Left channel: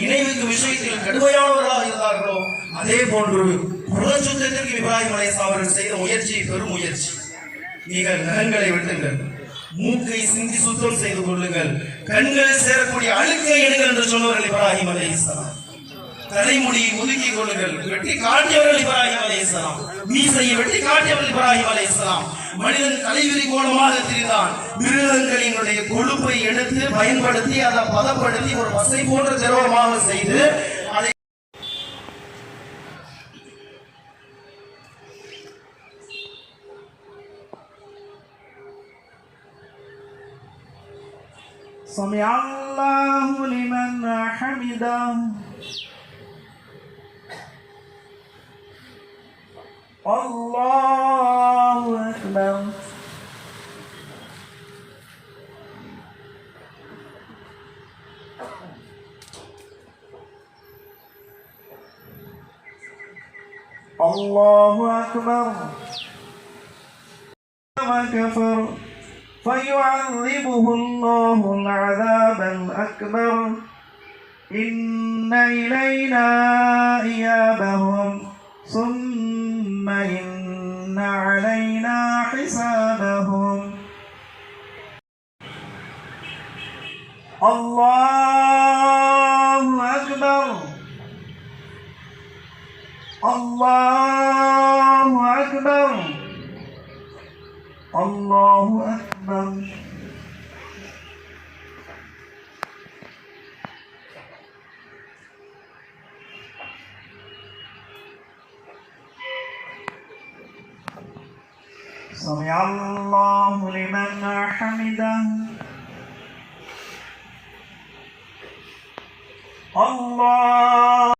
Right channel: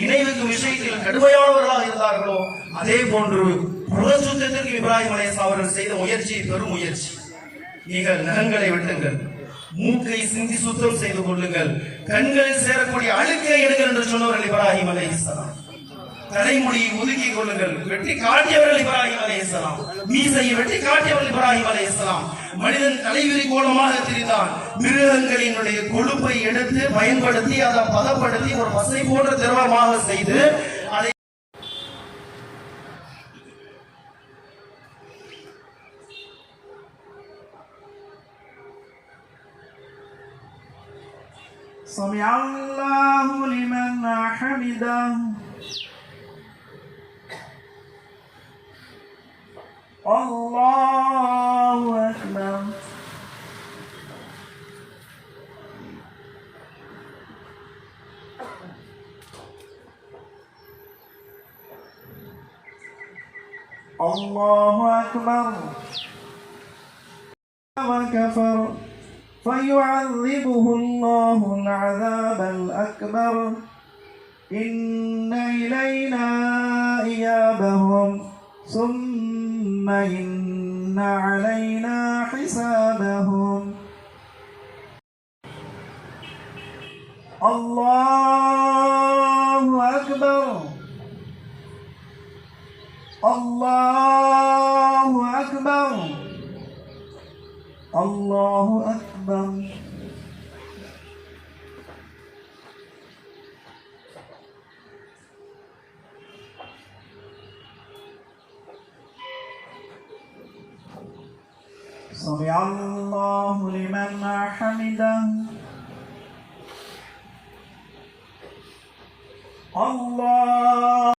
நினைவுக்கு விஷயத்தில் கடுமையானவர்களாக இருந்தார்களோ அதே போன்று பிரபஞ்சத்திற்கு இப்ராஹிம் அலைஹிஸ்ஸலாம் அவர்கள் செய்த முயற்சி பெரும் முயற்சி. நீங்கள் நகங்களை வெட்டுங்கள், மூக்கை சிந்தி சுத்தம் செய்து கொள்ளுங்கள், கண்களில் சேரக்கூடிய அழுக்கை எடுங்கள் என்று சொன்னவர்கள் இப்ராஹிம் அலைஹிஸ்ஸலாம். தலைமுடியை ஒதுக்கிக் கொள்ளுங்கள், வெட்டி காட்டியவர்கள் இப்ராஹிம் அலைஹிஸ்ஸலாம். மீசையை வெட்டி காட்டியவர்கள் இப்ராஹிம் அலைஹிஸ்ஸலாம். மனிதன் தலைவிரி கோலமாக திரிந்தான். மிருகங்களினுடைய கொழுப்பை எடுத்து பயன்படுத்தி அதை பதப்படுத்தி ஒரு பசை போன்ற திரவமாக செய்து அதை سمع الله لمن حمده الله أكبر الله أكبر وكفر فيعذبه الله العذاب الأكبر إن إلينا إيابهم ثم إن علينا حسابهم الله أكبر الله أكبر الله أكبر سمع الله لمن حمده الله